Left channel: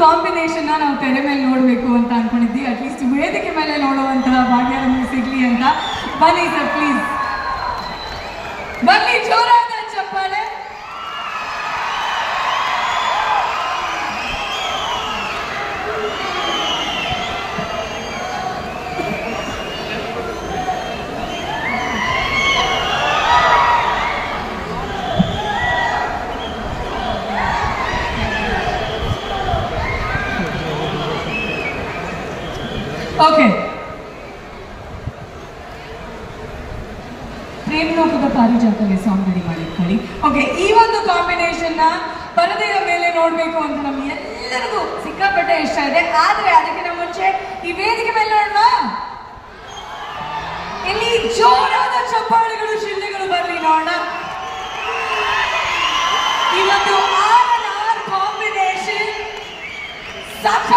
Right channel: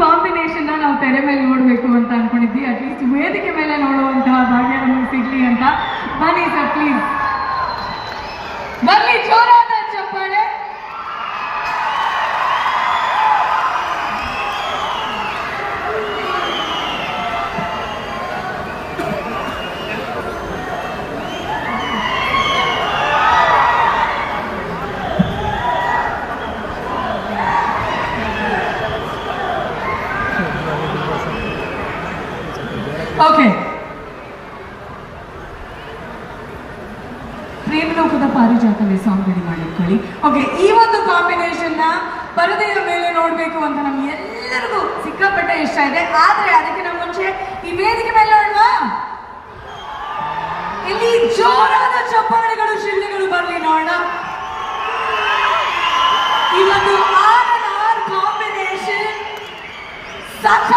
Combination ನಾವು ತೆರೆ ಮೇಲೆ ನೋಡಬೇಕು ಅಂತ ಅನ್ಕೊಂಡಿದ್ವಿ. ಅಟ್ಲೀಸ್ಟ್ ವೇದಿಕೆ ಮೇಲೆ ನೋಡುವಂತಹ ಭಾಗ್ಯ ನಮಗೆ ಸಿಗ್ಲಿ ಅಂತ. ಬನ್ನಿ ಸರ್ ಪ್ಲೀಸ್, ಬನ್ನಿ, ಜೋರಾದ ಚಪ್ಪಾಳೆ. ಓಕೆ, ಪ್ರೇಮಲೋಕದ ಪಾರಿಜಾತವೇ ಸಾಂಗ್ ರೆಡಿ ಮಾಡಿಟ್ಕೊಳ್ಳಿ. ಓಕೆ, ಈ ಒಂದು ಕಾಂಬಿನೇಷನ್ ನ ಪರದೆಯ ಮೇಲೆ ನೋಡ್ಬೇಕು ಅಂತ ನಮ್ಗೆ ಎಲ್ಲರಿಗೂ ಸಿಕ್ಕಾಪಟ್ಟೆ ಇಷ್ಟ ಇದೆ. ಆದ್ರೆ ಅದಕ್ಕಿಂತ ಮುಂಚೆ ಈ ವೇದಿಕೆ ಮೇಲೆ ನೋಡುವ, ಇಲ್ಲಿ ಜೋರಾದ ಚಪ್ಪಾಳೆಗಳು, ಶಿಳ್ಳೆಗಳು ಬರಲಿ ನೋಡೋಣ. ಈ ಒಂದು R&R ಕಾಂಬಿನೇಷನ್ ಸಾಕ